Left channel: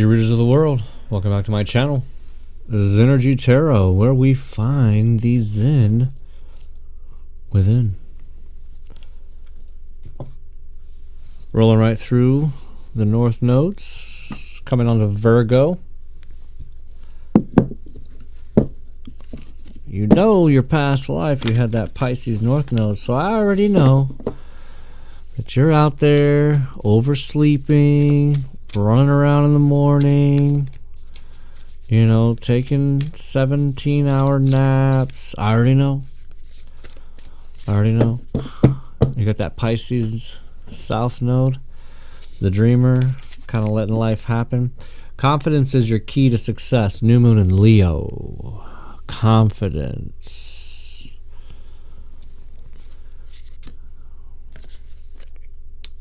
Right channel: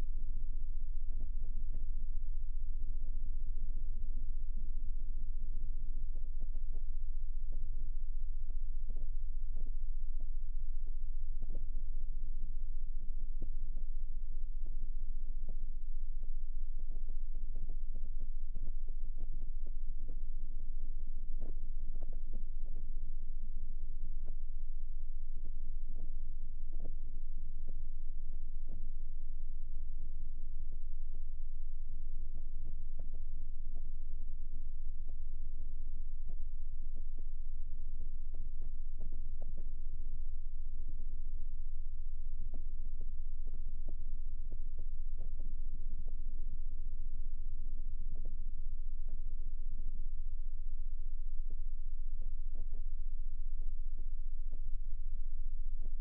Energy readers of the world, welcome back to my channel. This is Energy Tarot, where we find the Zen within. Rolling right through the North Nodes, coming on to Virgo. You know your past life, you had that Pisces North Node, so I already know that you're out there oversleeping, running around in the morning, you know, taking 17-hour naps. I already know. You got that Pisces South Node, the dreamer, kind of letting life happen. Confidence is your key to success. New moon in Leo. Confidence.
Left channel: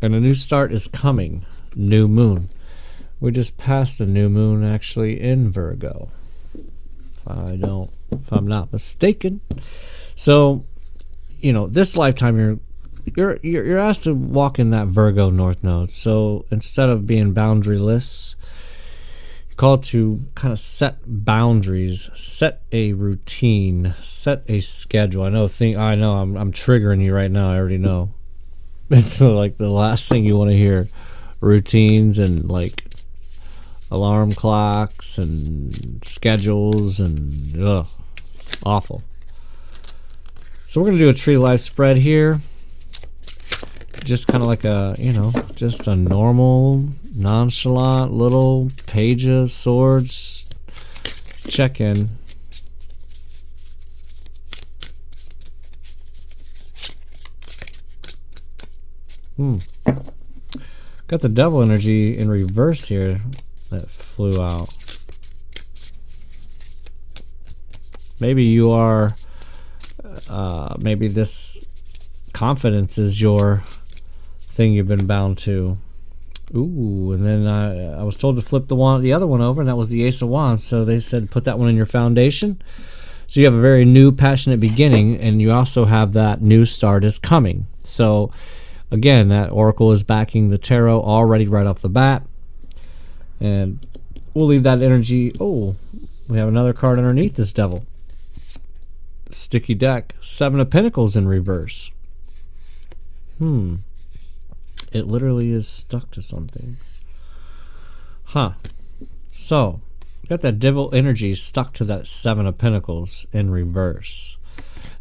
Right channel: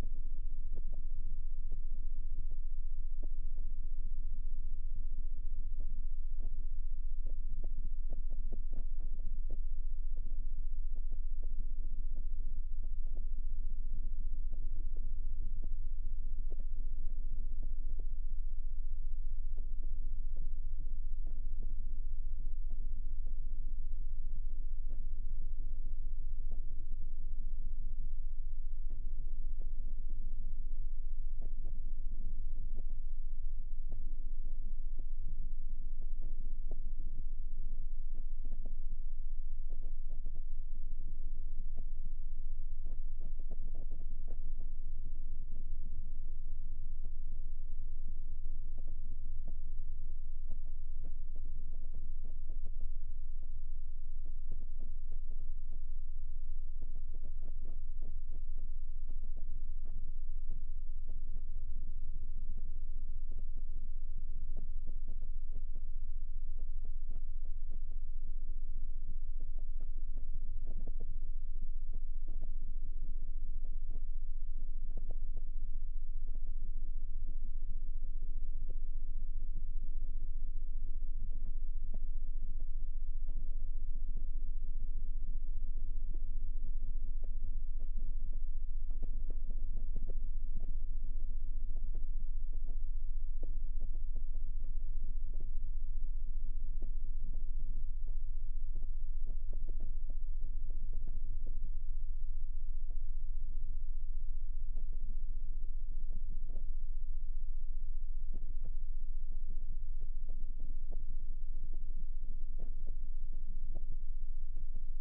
And a new start is coming. New moon. We just passed a new moon actually in Virgo, if I'm not mistaken. So, you know, this lifetime you're asked to walk in that Virgo North Node. So instead of being boundaryless, you're called to kind of set boundaries, set a routine, set a schedule. I know I'm triggering you right now. I already know. It's like the last thing you want to hear. Routines and like alarm clocks and schedules and awful. So we're gonna do a tree life spread here, just kind of like a, you know, just a normal nonchalant little Page of Swords check-in. Got the devil energy in reverse here that flew out. Maybe you are, maybe this confidence is your thing you've been bound to. Ooh, and then I was told to flip the other one over, and that was the Ace of Wands. So they said put that one in your foundation. So you have a very new, passionate beginning, and you also have that new start is coming. So again, that oracle is backing the tarot already right off the bat. And we'll leave that energy. Oh, we have another card underneath this devil. Sticky deck. Seven of Pentacles in reverse. It literally is stuck to something. So, got that devil energy stuck to that Seven of Pentacles in reverse.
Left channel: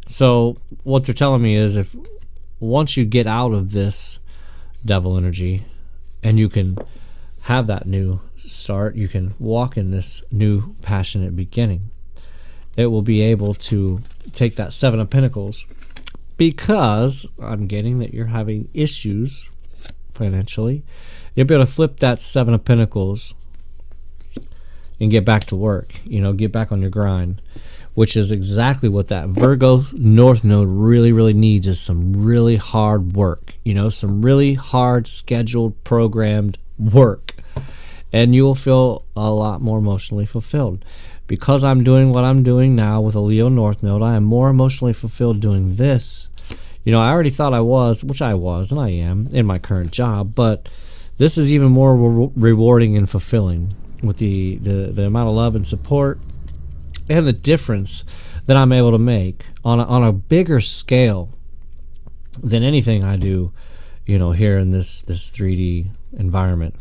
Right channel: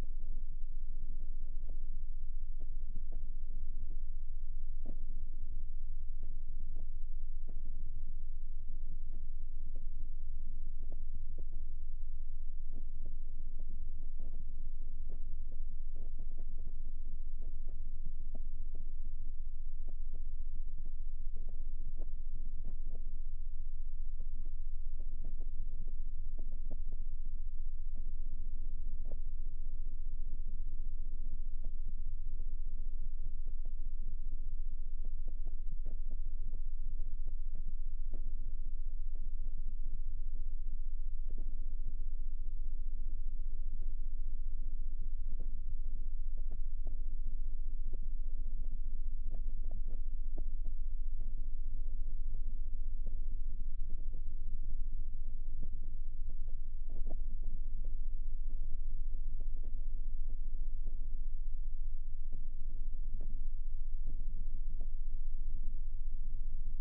So, what they're telling me is once you get out of this devil energy and you can have that new start, you can walk in this new passionate beginning, it will be able to take that Seven of Pentacles, because I'm getting that you're having issues financially. You'll be able to flip that Seven of Pentacles and get back to work, you know, get back on your grind, which is exactly what that Virgo North Node really needs, is some really hard work, you know, some really hard scheduled, programmed work. And you will feel a lot more emotionally fulfilled. Because I'm doing what I'm doing now with a Leo North Node, I am more emotionally fulfilled doing this. You know, I already thought I was, which I was, and I am in my current job, but this is even more rewarding and fulfilling with the amount of love and support and the difference that I'm able to make on a bigger scale than anything I do, you know, here in this 3D environment.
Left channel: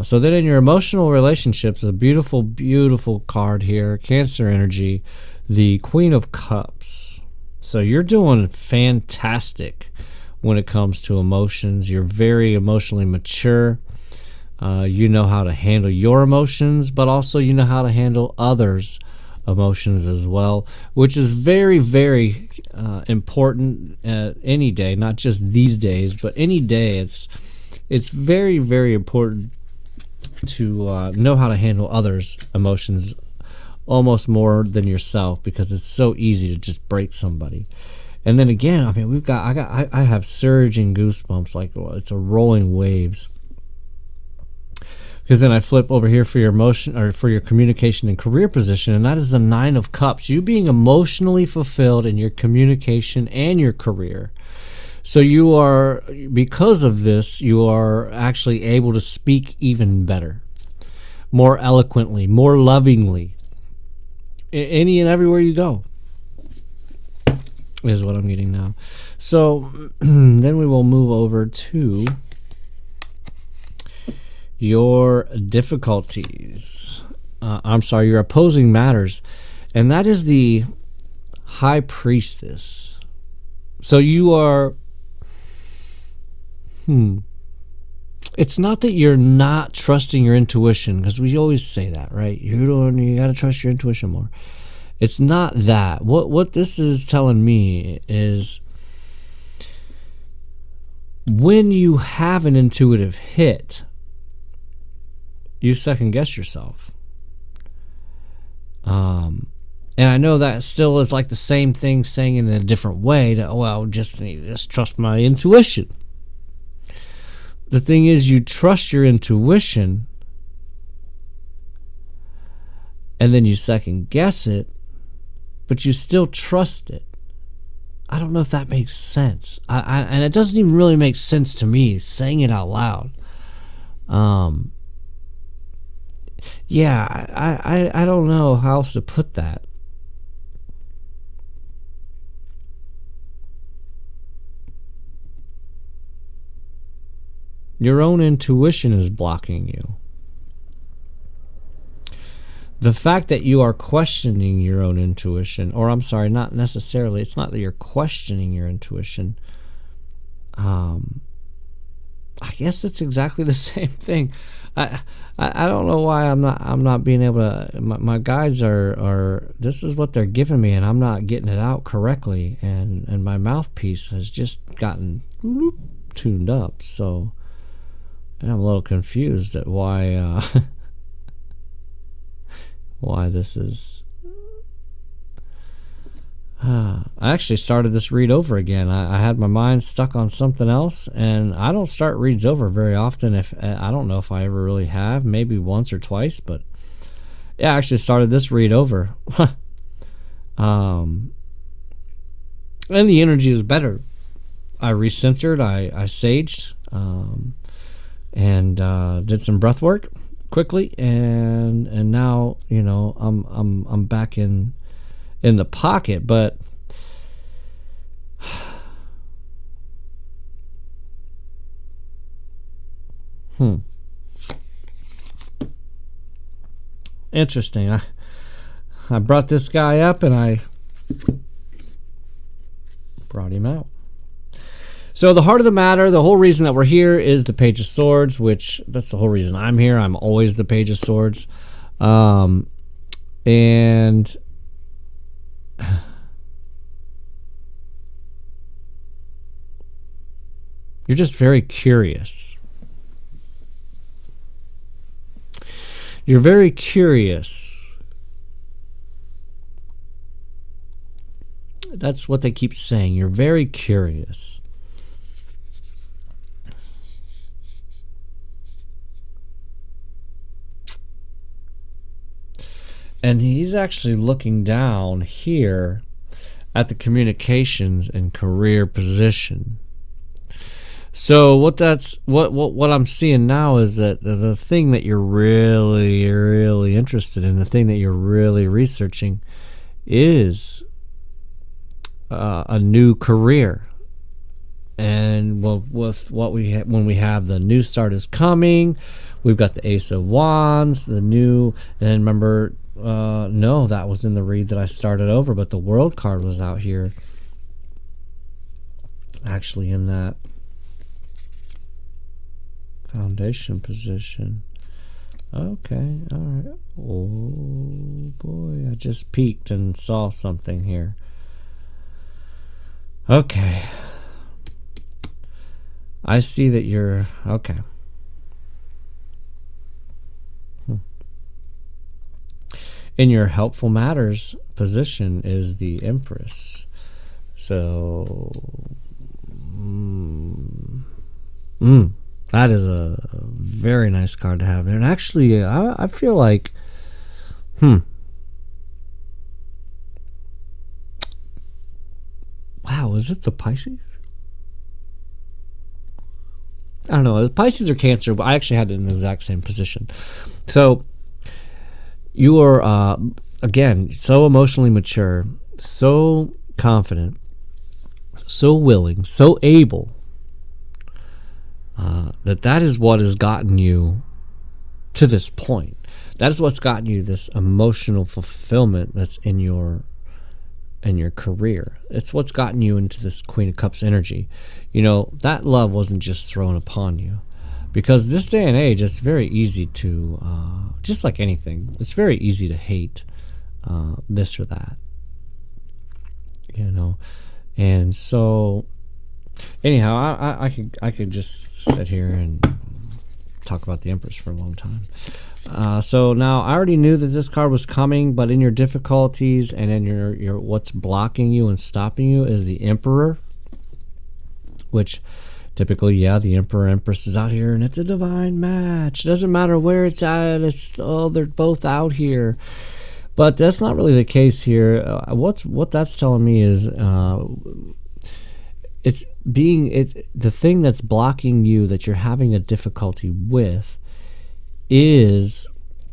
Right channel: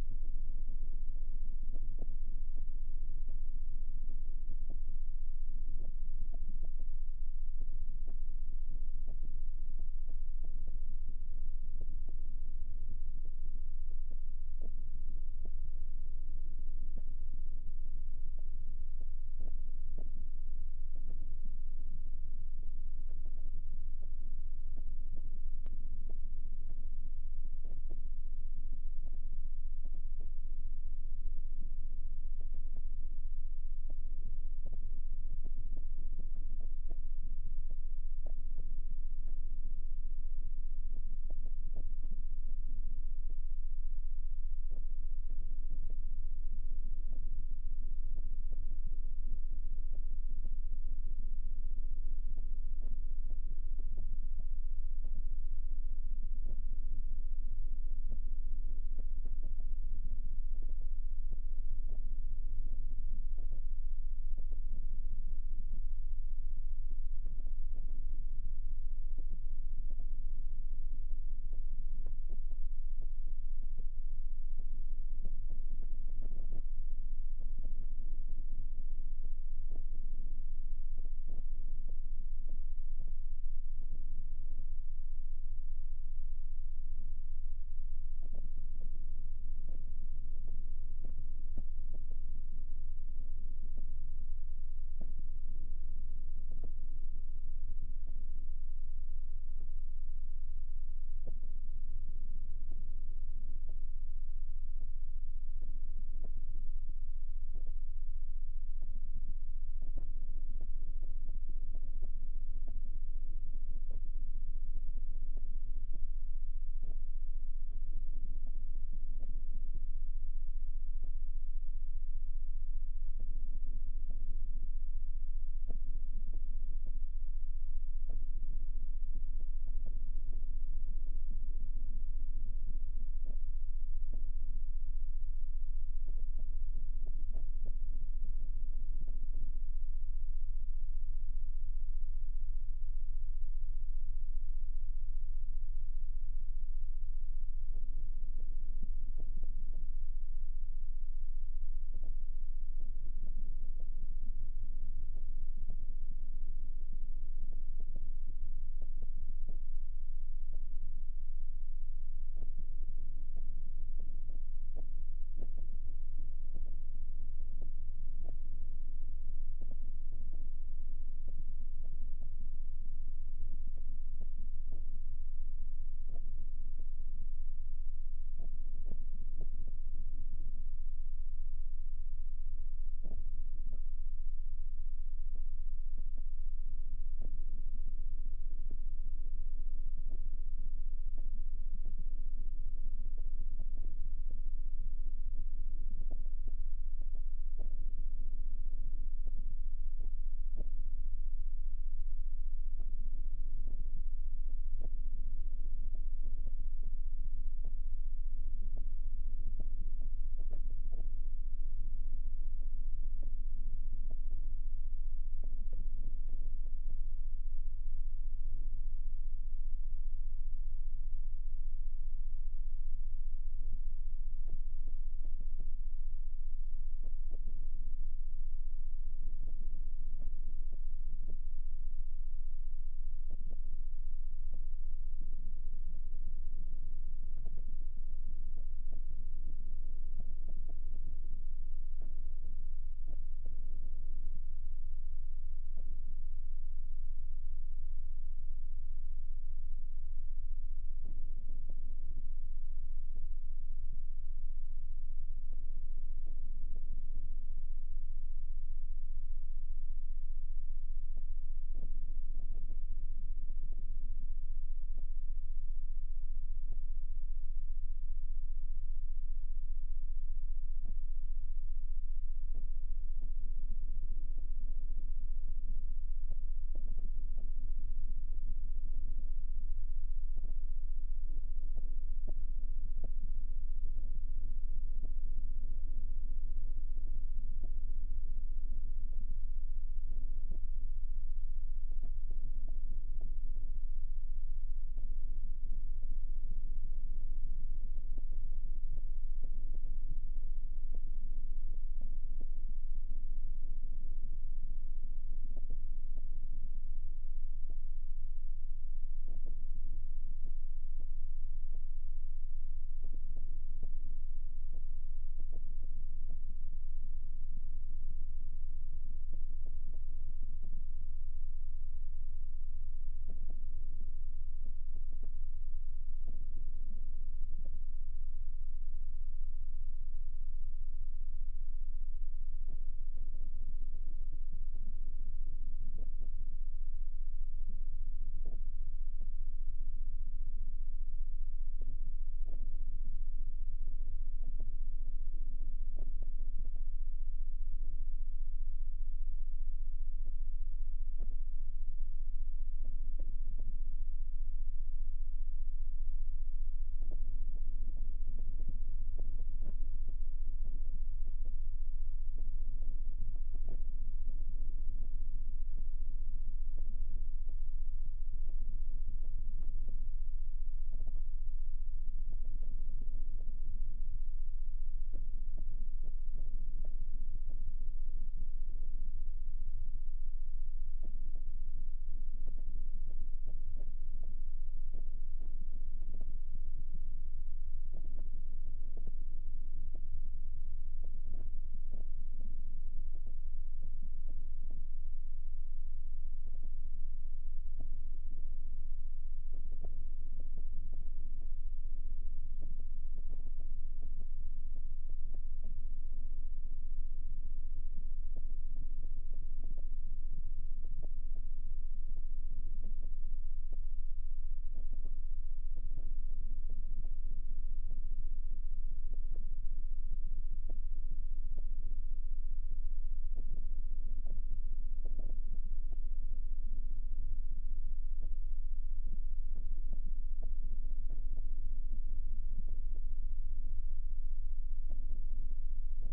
So then in your emotional relationships, a beautiful card here, Cancer energy, the Queen of Cups. So you're doing fantastic when it comes to emotions. You're very emotionally mature. You know how to handle your emotions, but also you know how to handle others' emotions as well, which is very important any day, not just these days, but any day. It's very important to know how to handle others' emotions almost more than yourself, because it's so easy to just break somebody. And then again, I mean, I have surging goosebumps, like it's a rolling waves. Because then I flip over here for your emotion, or for your communication and career position, and that is the Nine of Cups. You being emotionally fulfilled in your communication and your career. So you are, because of this, you are actually able to speak even better. more eloquently, more lovingly, any and everywhere you go, is what I'm getting now. So then we will move over to your difficulties. I'm sorry, your opposing matters. And that is the High Priestess. So you are... It's not that you're not trusting your intuition, because we always say that, right? You got to trust your intuition more. It's not that. What this is telling me is when you have an intuitive hit, you second guess yourself. And I know that still is like the same thing saying it in a different way that, well, just trust my intuition. The thing is, you trust your intuition and then you second guess it, but you still trust it. I don't know if that makes sense. And it doesn't even really make sense to me saying it out loud. Yeah, I don't know how else to put that. Your own intuition is blocking you. The fact that you are questioning your own intuition, or I'm sorry, not necessarily, it's not that you're questioning your intuition. I guess it's exactly the same thing. I don't know why I'm not being able to. My guides are this is what they're giving me, and I'm not getting it out correctly, and my mouthpiece has just gotten tuned up. So I'm a little confused at why why this is. I actually started this read over again. I had my mind stuck on something else, and I don't start reads over very often. If I don't know if I ever really have, maybe once or twice, but yeah, I actually started this read over. And the energy is better. I recentered, I saged, and did some breath work quickly, and now I'm back in the pocket. But interesting. I brought this guy up and I brought him out. So the heart of the matter, the whole reason that we're here is the Page of Swords, which that's the whole reason I'm here. I'm always the Page of Swords. And you're just very curious. You're very curious. That's what they keep saying. You're very curious. And he's actually looking down here at the communications and career position. So what I'm seeing now is that the thing that you're really interested in, the thing that you're really researching, is a new career. And with what when we have the new start is coming, we've got the Ace of Wands, the new, and remember, no, that was in the read that I started over, but the World card was out here, actually, in that foundation position. Okay, all right. Oh boy, I just peeked and saw something here. Okay, I see that you're okay. In your helpful matters position is the Empress. So that is a very nice card to have there. And actually, I feel like wow, is it the Pisces? I don't know, the Pisces or Cancer, but I actually had it in the exact same position. So You are, again, so emotionally mature, so confident, so willing, so able, that is what has gotten you to this point. That is what's gotten you this emotional fulfillment that's in your career. It's what's gotten you into this Queen of Cups energy. You know, that love wasn't just thrown upon you. Because this day and age, it's very easy to, just like anything, it's very easy to hate this or that. You know, and so, anyhow, I could just sit here and talk about the Empress for a long time. So now I already knew that this card was coming, but in your difficulties and in your what's blocking you and stopping you is the Emperor, which typically, yeah, the Emperor Empress is out here, and it's a divine match. It doesn't matter where it's at. They're both out here. But that's not really the case here. What that's telling me is the thing that's blocking you, that you're having a difficulty with, is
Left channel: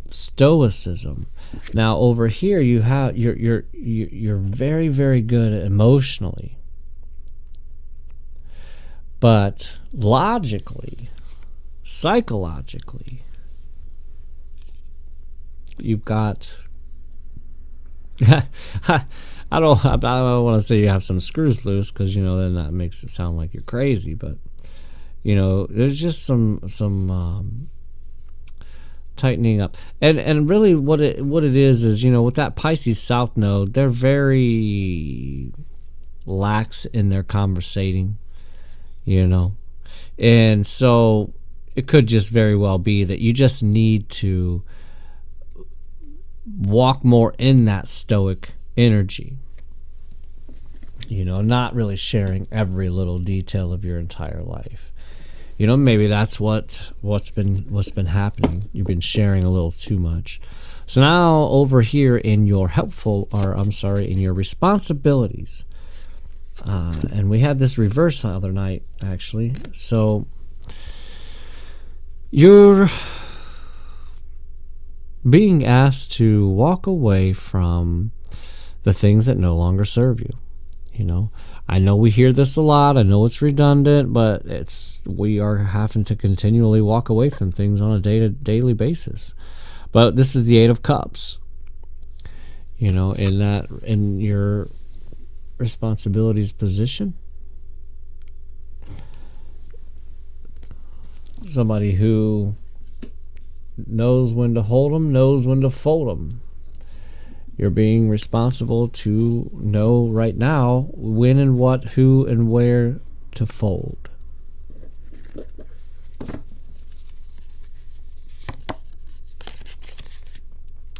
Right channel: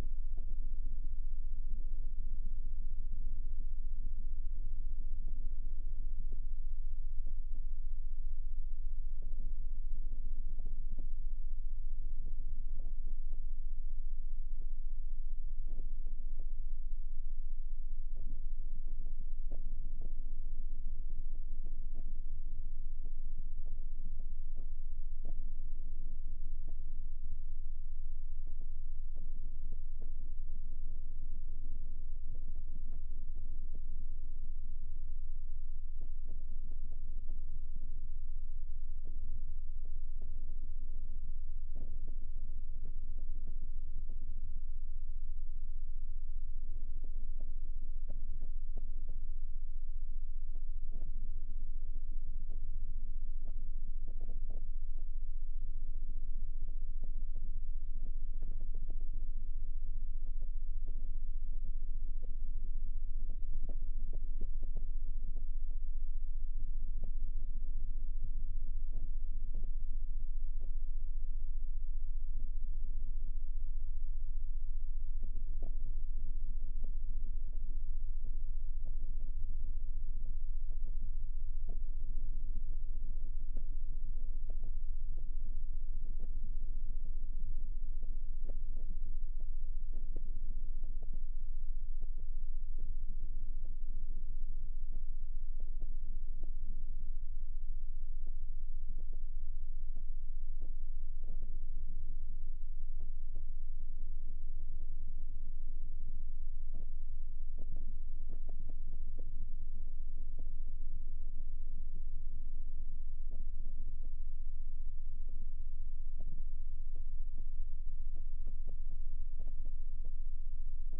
stoicism. Now over here you have you're very, very good emotionally. But logically, psychologically, you've got I don't want to say you have some screws loose, because you know then that makes it sound like you're crazy, but you know there's just some tightening up, and really what it is, you know, with that Pisces South node, they're very lax in their conversating. You know, and so it could just very well be that you just need to walk more in that stoic energy, you know, not really sharing every little detail of your entire life. You know, maybe that's what's been happening. You've been sharing a little too much. So now over here in your in your responsibilities, and we had this reverse the other night, actually. So you're being asked to walk away from the things that no longer serve you. You know, I know we hear this a lot. I know it's redundant, but we are having to continually walk away from things on a daily basis. But this is the Eight of Cups. You know, in your responsibilities position, somebody who knows when to hold them, knows when to fold them. You're being responsible to know right now when and what, who and where to fold.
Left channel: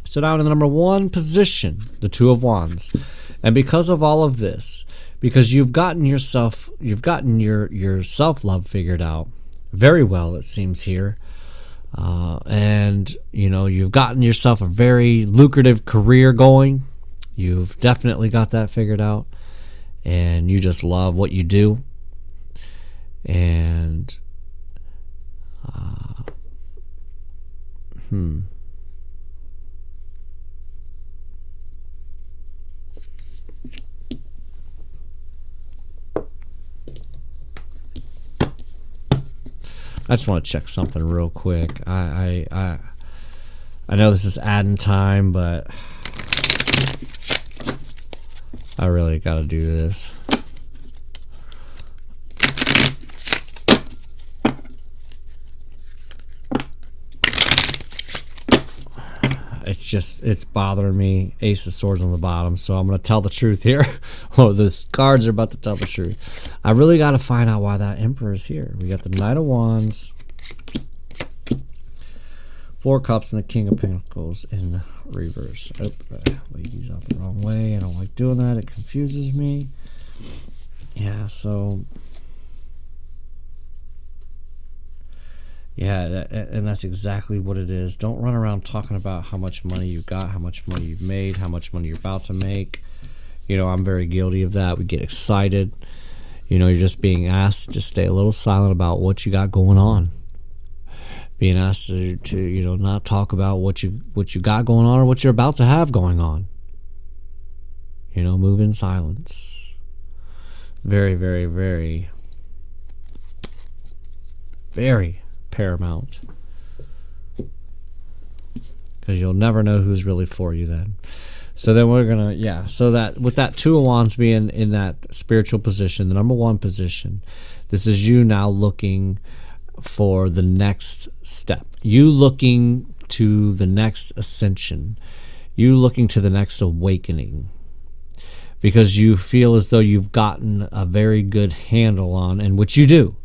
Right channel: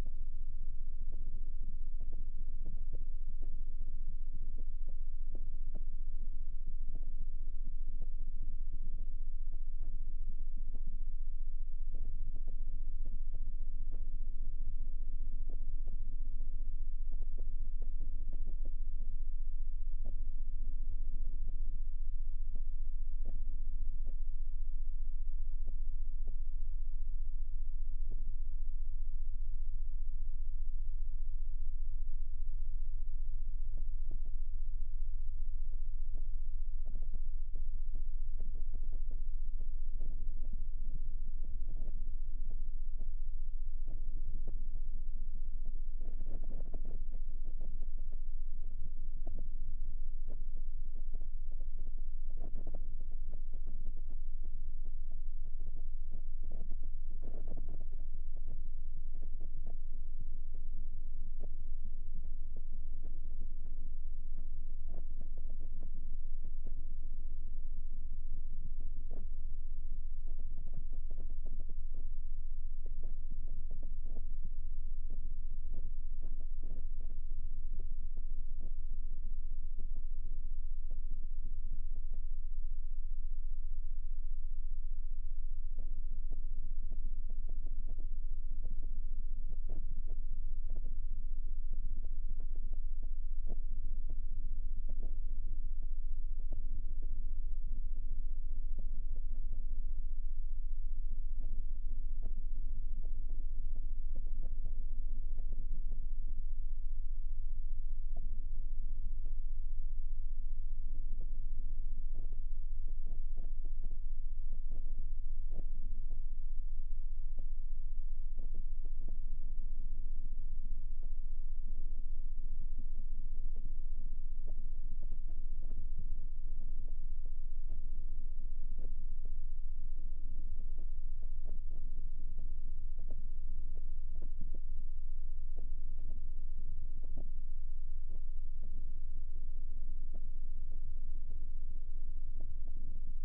So down in the number one position, the Two of Wands. And because of all of this, because you've gotten your self-love figured out very well, it seems here, and you know, you've gotten yourself a very lucrative career going. You've definitely got that figured out, and you just love what you do. And I just want to check something real quick. I know this is adding time, but I really got to do this. It's bothering me. Ace of Swords on the bottom, so I'm going to tell the truth here. Oh, those cards are about to tell the truth. I really got to find out why that Emperor is here. We got the Knight of Wands, Four Cups, and the King of Pentacles in reverse. Oh, laid these out the wrong way. I don't like doing that. It confuses me. Yeah, so... yeah, and that's exactly what it is. Don't run around talking about how much money you got, how much money you've made, how much money you're about to make. You know, I'm very guilty of that. We get excited. You know, you're just being asked to just stay a little silent about what you got going on. being asked to not talk about what you got going on or what you're about to have going on. Move in silence. Very, very, very, very paramount. Because you'll never know who's really for you then. So then we're gonna, so that with that Two of Wands being in that spiritual position, the number one position, this is you now looking for the next step. You looking to the next ascension. You looking to the next awakening. Because you feel as though you've gotten a very good handle on, and which you do,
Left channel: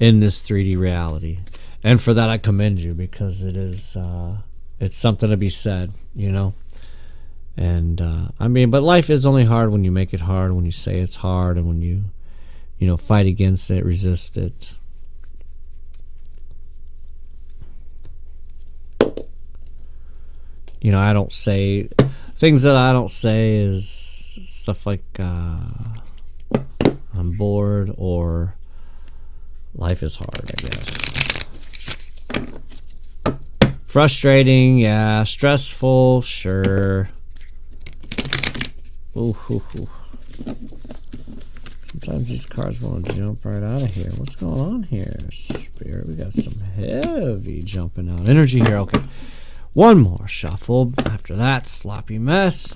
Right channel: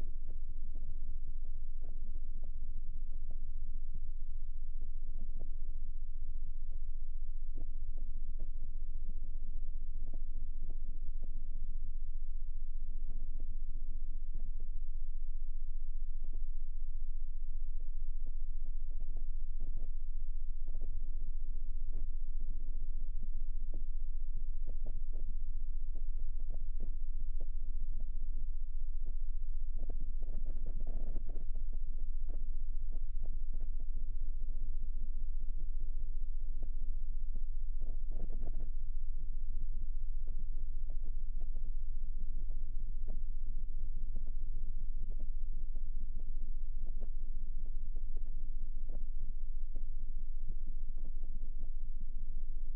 in this 3D reality. And for that I commend you, because it is, it's something to be said, And, but life is only hard when you make it hard, when you say it's hard, and when you, fight against it, resist it. I don't say, things that I don't say is stuff like, I'm bored, or life is hard, I guess. Frustrating, yeah. Stressful, sure. Ooh, ooh, ooh. Sometimes these cards want to jump right out of here. What's going on here, Spirit? We got some heavy jumping out energy here. Okay. One more shuffle. After that, sloppy mess.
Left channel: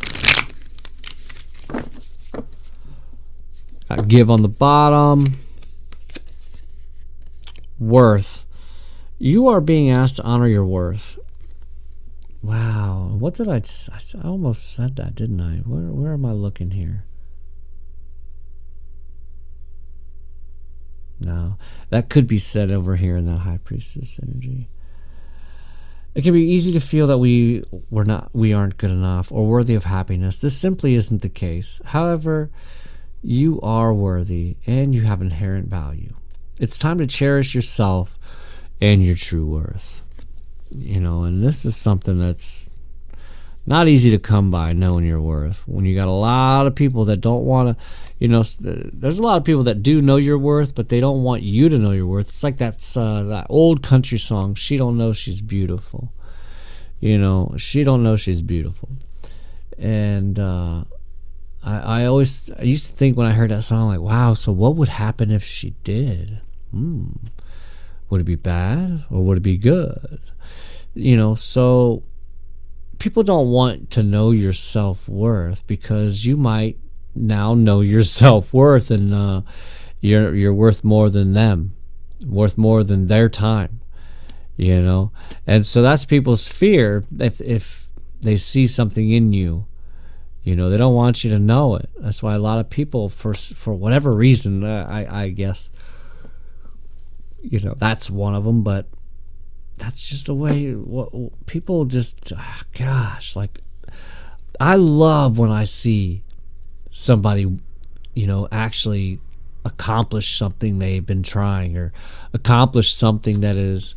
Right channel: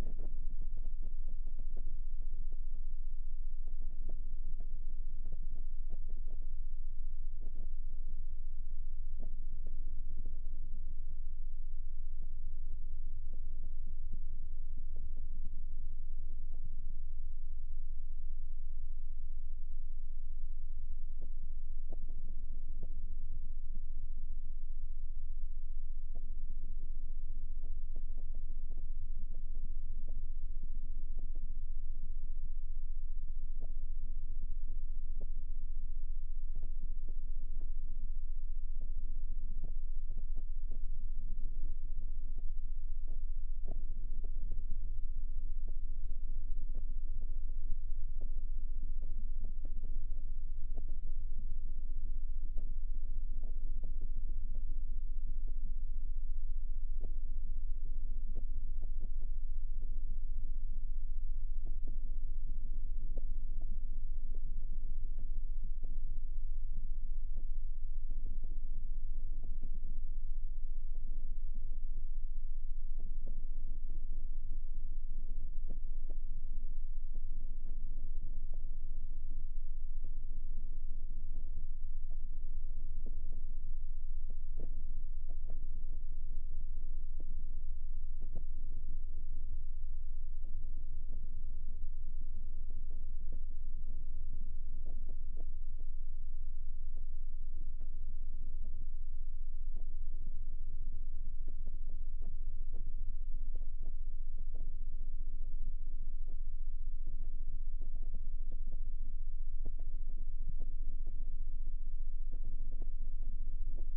Got give on the bottom. Worth. You are being asked to honor your worth. Wow. What did I almost said that, didn't I? Where am I looking here? No. That could be said over here in that High Priestess energy. It can be easy to feel that we aren't good enough or worthy of happiness. This simply isn't the case. However, you are worthy and you have inherent value. It's time to cherish yourself and your true worth. And this is something that's not easy to come by, knowing your worth. When you got a lot of people that don't want to, there's a lot of people that do know your worth, but they don't want you to know your worth. It's like that old country song, She Don't Know She's Beautiful. She don't know she's beautiful. And I used to think when I heard that song, like, wow, so what would happen if she did? Would it be bad or would it be good? So people don't want to know your self-worth, because you might now know your self-worth, and you're worth more than them, worth more than their time, and so that's people's fear. If they see something in you, they don't want you to know it. That's why a lot of people, for whatever reason, I guess, that's one of them, but that's just a way people just, like, I love when I see somebody, actually accomplish something they've been trying, or accomplish something that is,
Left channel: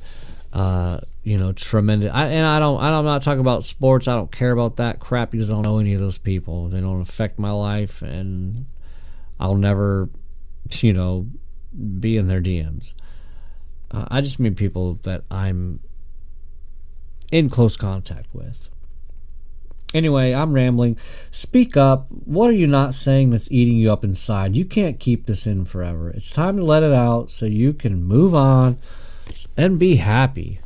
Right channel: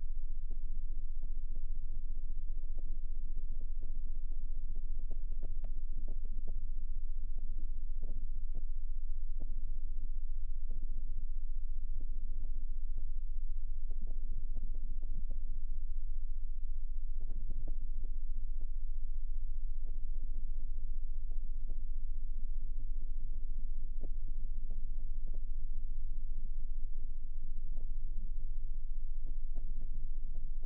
tremendous. I'm not talking about sports. I don't care about that crap, because I don't know any of those people. They don't affect my life, and I'll never, be in their DMs. I just mean people that I'm in close contact with. Anyway, I'm rambling. Speak up. What are you not saying that's eating you up inside? You can't keep this in forever. It's time to let it out so you can move on and be happy.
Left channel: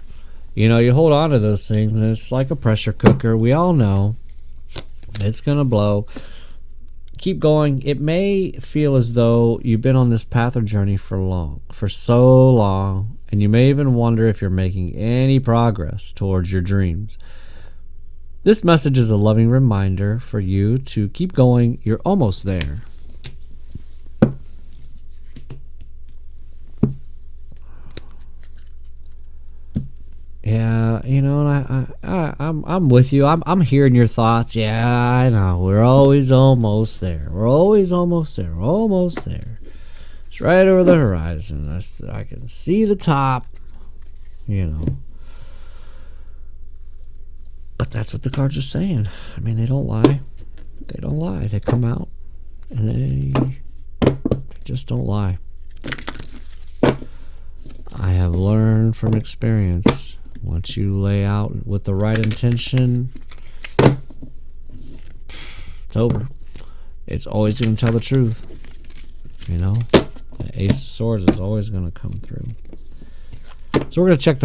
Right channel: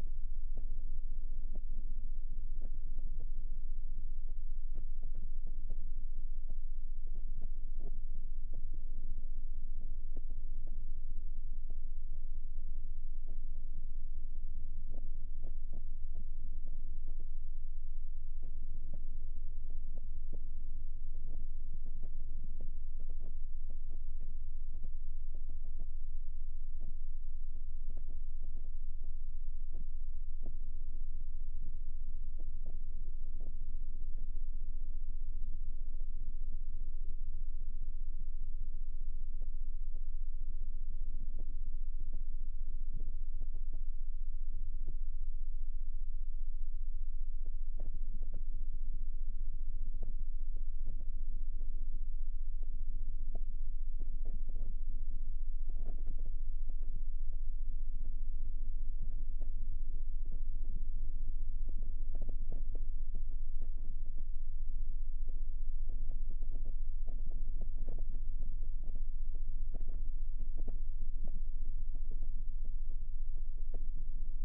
You hold on to those things, and it's like a pressure cooker. We all know it's going to blow. Keep going. It may feel as though you've been on this path or journey for so long, and you may even wonder if you're making any progress towards your dreams. This message is a loving reminder for you to keep going. You're almost there. Yeah, and I'm with you. I'm hearing your thoughts. Yeah, I know. We're always almost there. We're always almost there. We're almost there. It's right over the horizon. I can see the top. But that's what the cards are saying. I mean, they don't lie. They don't lie. They come out, and they just don't lie. I have learned from experience Once you lay out with the right intention, it's over. It's always going to tell the truth. You know, the Ace of Swords is always going to come through. So we're going to check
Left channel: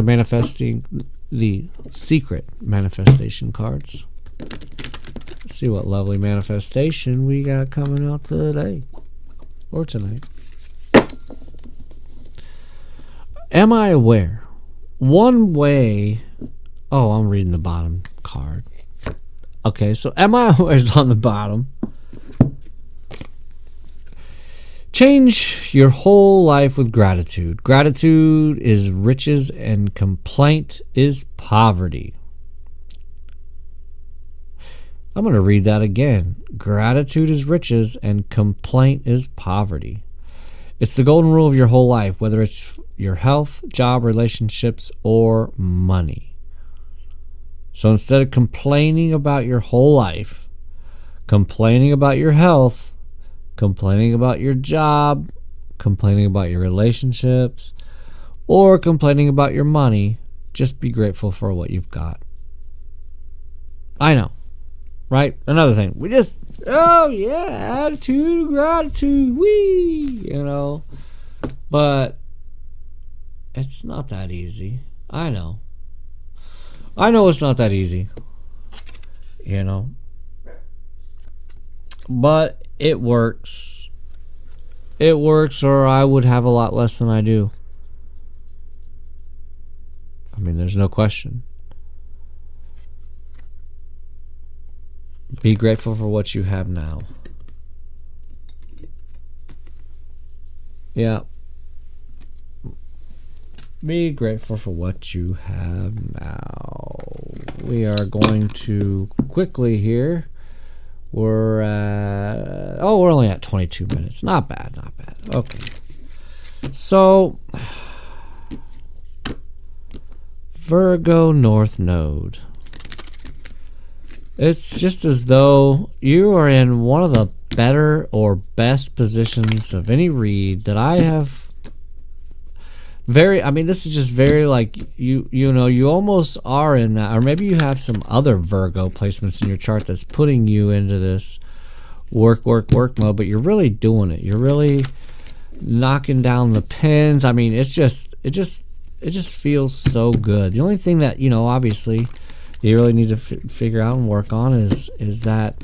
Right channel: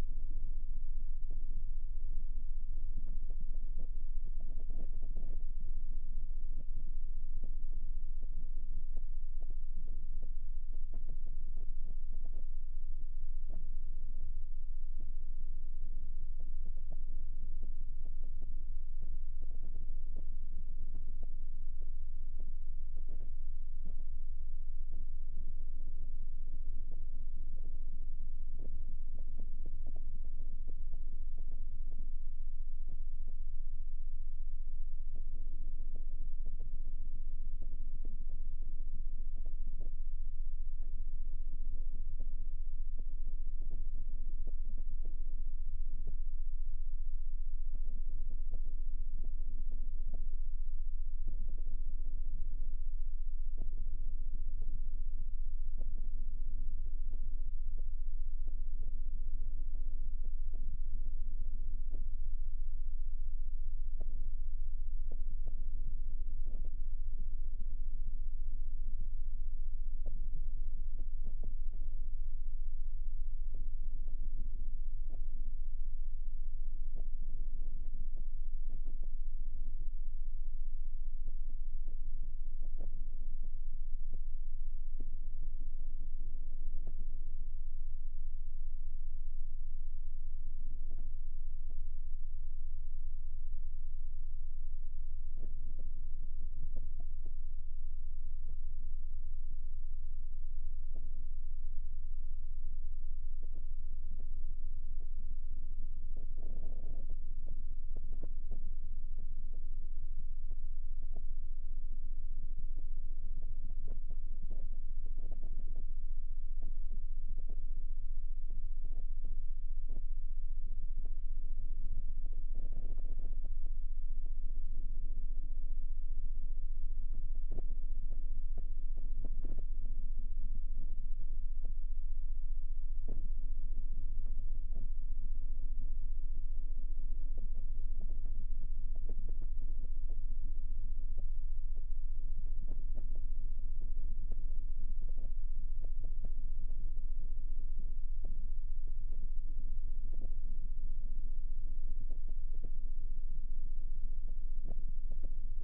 the secret manifestation cards. Let's see what lovely manifestation we got coming out today or tonight. Am I aware? One way. Oh, I'm reading the bottom card. Okay, so am I aware is on the bottom. Change your whole life with gratitude. Gratitude is riches and complaint is poverty. I'm going to read that again. Gratitude is riches and complaint is poverty. It's the golden rule of your whole life, whether it's your health, job, relationships, or money. So instead of complaining about your whole life, complaining about your health, complaining about your job, complaining about your relationships, or complaining about your money, just be grateful for what you've got. I know, right? Another thing, we just, oh yeah, attitude, gratitude, wee, you know. But it's not that easy. I know it's not that easy, you know. But it works. It works, or I would have a lot less than I do. I mean, there's no question. Be grateful for what you have now. Yeah. Be grateful for what you have now. We are going to quickly here. We're at, we're only at 22 minutes. Not bad, not bad. Okay. So, Virgo North Node. It's just as though you are in one of the better or best positions of any read that I have. This is just very like, you know, you almost are in that, or maybe you have some other Virgo placements in your chart that's putting you into this work mode, but you're really doing it. You're really knocking down the pins. I mean, it just feels so good. The only thing that, you know, obviously you really need to figure out and work on is that,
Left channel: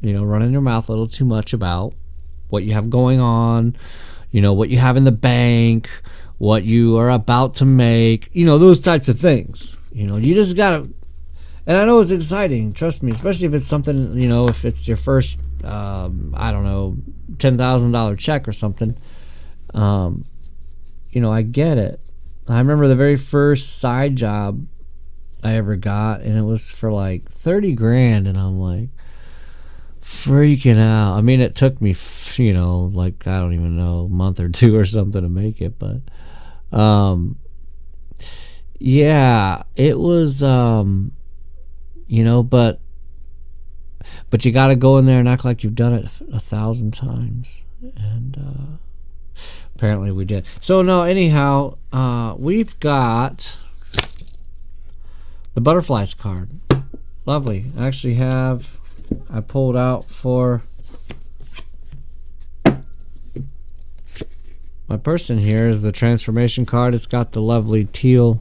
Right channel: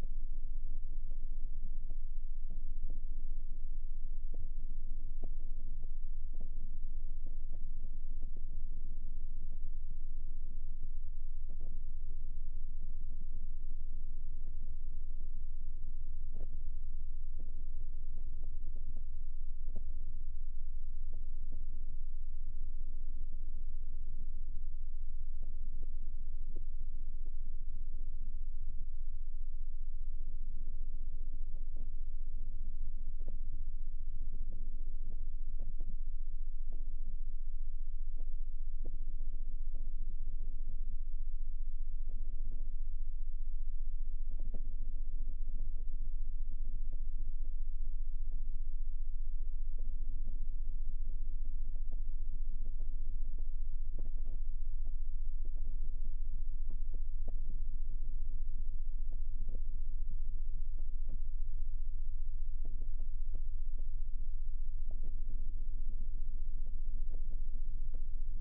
you know, running your mouth a little too much about what you have going on, you know, what you have in the bank, what you are about to make, you know, those types of things. You know, you just gotta, and I know it's exciting, trust me, especially if it's something, you know, if it's your first, I don't know, $10,000 check or something. You know, I get it. I remember the very first side job I ever got, and it was for like 30 grand, and I'm like freaking out. I mean, it took me, you know, like, I don't even know, a month or two or something to make it, but yeah, it was, you know, but you got to go in there and act like you've done it 1,000 times, and apparently we did. So no, anyhow, we've got the butterflies card. Lovely. I actually I pulled out for my person here is the transformation card. It's got the lovely teal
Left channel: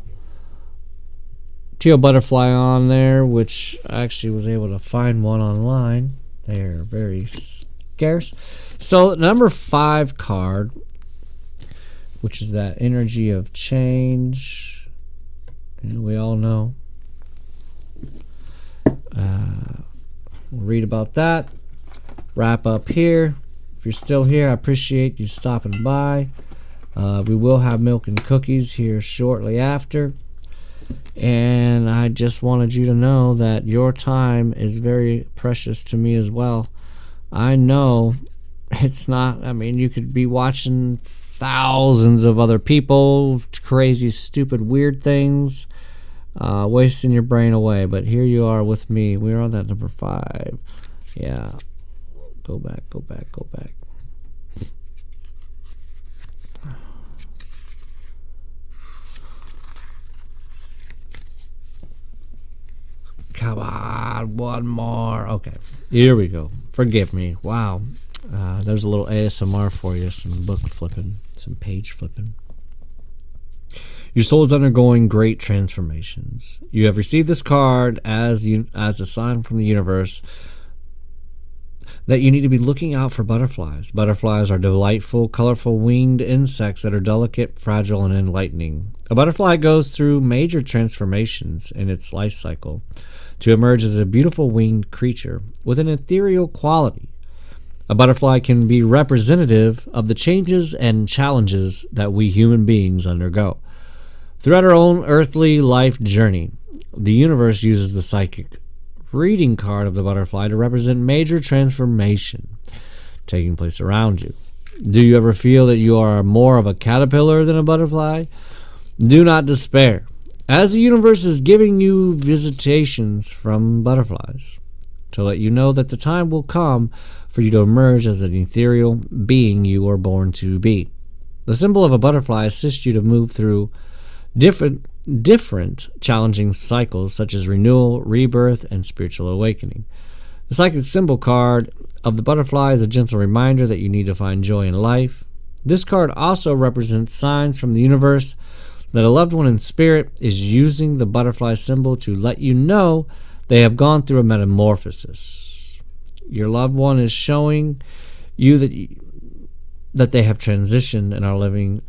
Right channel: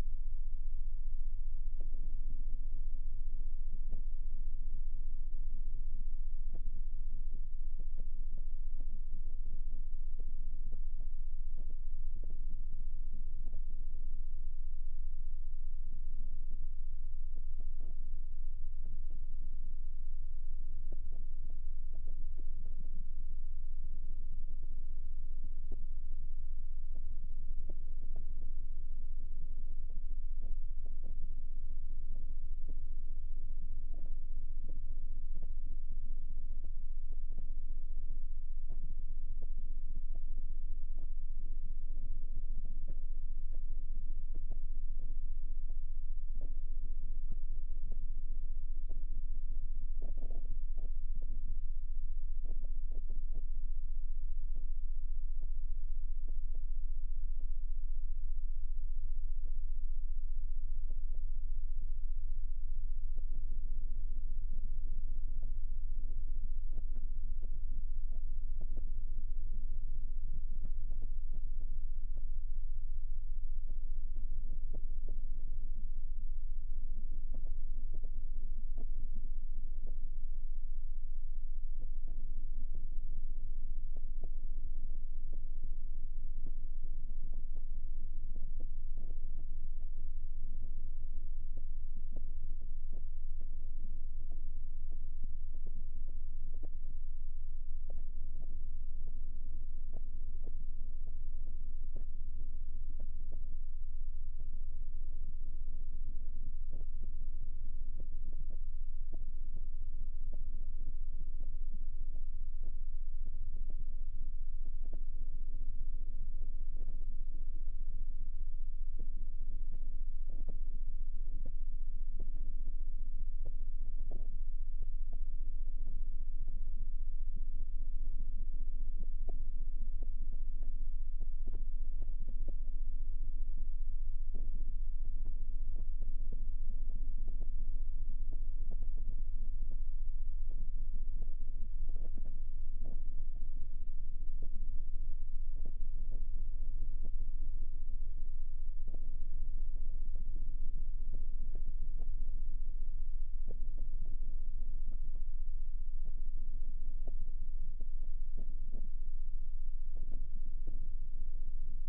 butterfly on there, which I actually was able to find one online. They're very scarce. So number 5 card, which is that energy of change. And we all know. We'll read about that. Wrap up here. If you're still here, I appreciate you stopping by. We will have milk and cookies here shortly after. And I just wanted you to know that your time is very precious to me as well. I know it's not, I mean, you could be watching thousands of other people, crazy, stupid, weird things, wasting your brain away. But here you are with me. We're on that number 5. Yeah. Go back. one more. Okay, here we go. Forgive me. Wow. There's a little ASMR for you, some book flipping, some page flipping. Your soul is undergoing great transformations. You have received this card as a sign from the universe that you need to be looking out for butterflies. Butterflies are delightful, colorful winged insects that are delicate, fragile, and enlightening. A butterfly goes through major transformations in its life cycle to emerge as a beautiful winged creature with an ethereal quality. A butterfly can be representative of the changes and challenges that we human beings undergo. Throughout our own earthly life journey, the universe uses the psychic reading card of the butterfly to represent major transformation taking place around you. Do you ever feel that you are more of a caterpillar than a butterfly? Do not despair, as the universe is giving you visitations from butterflies to let you know that the time will come for you to emerge as an ethereal being you are born to be. The symbol of a butterfly assists you to move through different challenging cycles such as renewal, rebirth, and spiritual awakening. The psychic symbol card of the butterfly is a gentle reminder that you need to find joy in life. This card also represents signs from the universe that a loved one in spirit is using the butterfly symbol to let you know they have gone through a metamorphosis. Your loved one is showing you that they have transitioned and are living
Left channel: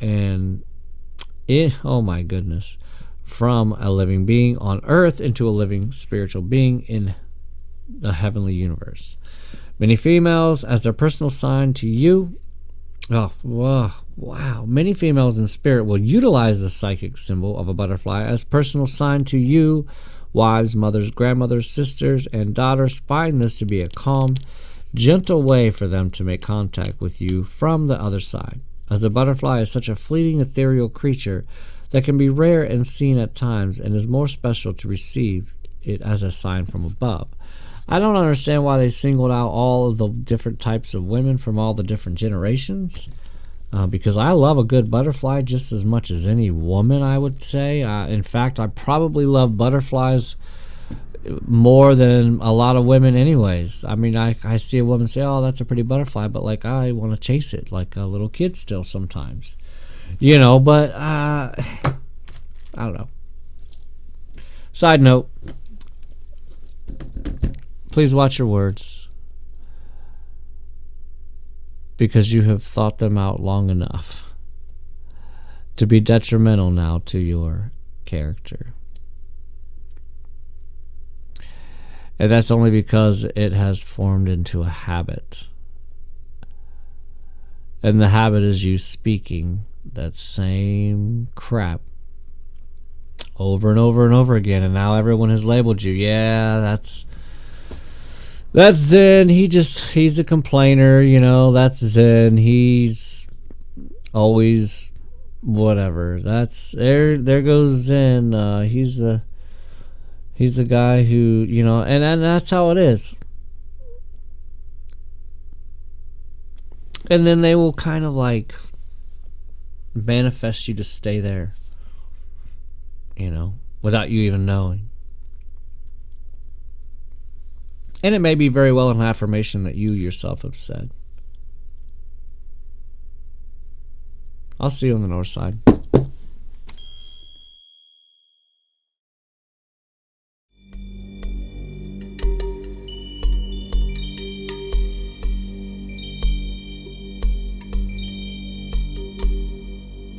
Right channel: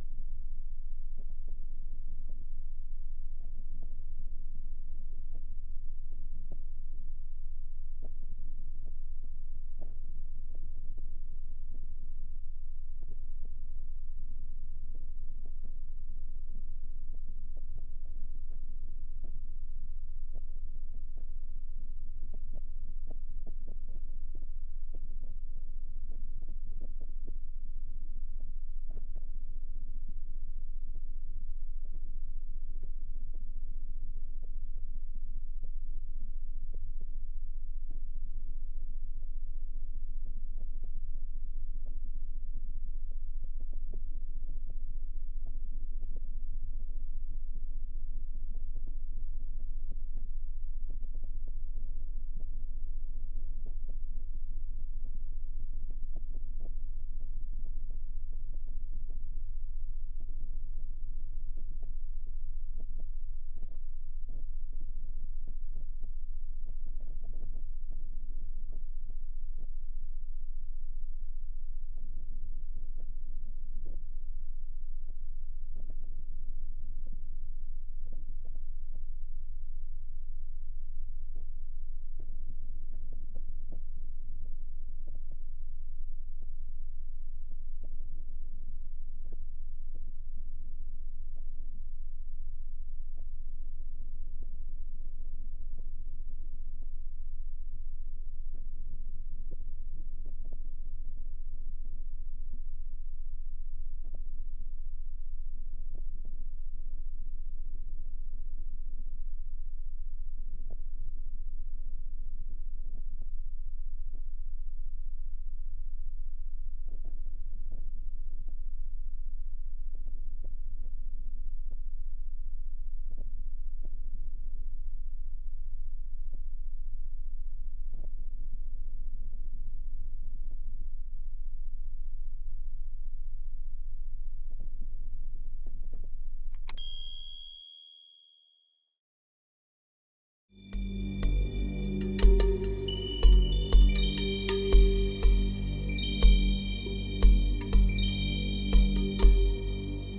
oh my goodness, from a living being on earth into a living spiritual being in the heavenly universe. Many females, as their personal sign to you, many females in spirit will utilize the psychic symbol of a butterfly as personal sign to you. Wives, mothers, grandmothers, sisters, and daughters find this to be a calm, gentle way for them to make contact with you from the other side, as the butterfly is such a fleeting ethereal creature that can be rare and seen at times and is more special to receive it as a sign from above. I don't understand why they singled out all of the different types of women from all the different generations, because I love a good butterfly just as much as any woman, I would say. In fact, I probably love butterflies more than a lot of women anyways. I mean, I see a woman say, oh, that's a pretty butterfly, but like I want to chase it like a little kid still sometimes, but I don't know. Side note, please watch your words, because you have thought them out long enough to be detrimental now to your character. And that's only because it has formed into a habit. And the habit is you speaking that same crap over and over and over again. And now everyone has labeled you. Yeah, that's Zen. He's a complainer, that's Zen. He's always whatever. There goes Zen. He's the guy who, and that's how it is. And then they will kind of like manifest you to stay there, without you even knowing. And it may be very well an affirmation that you yourself have said. I'll see you on the north side.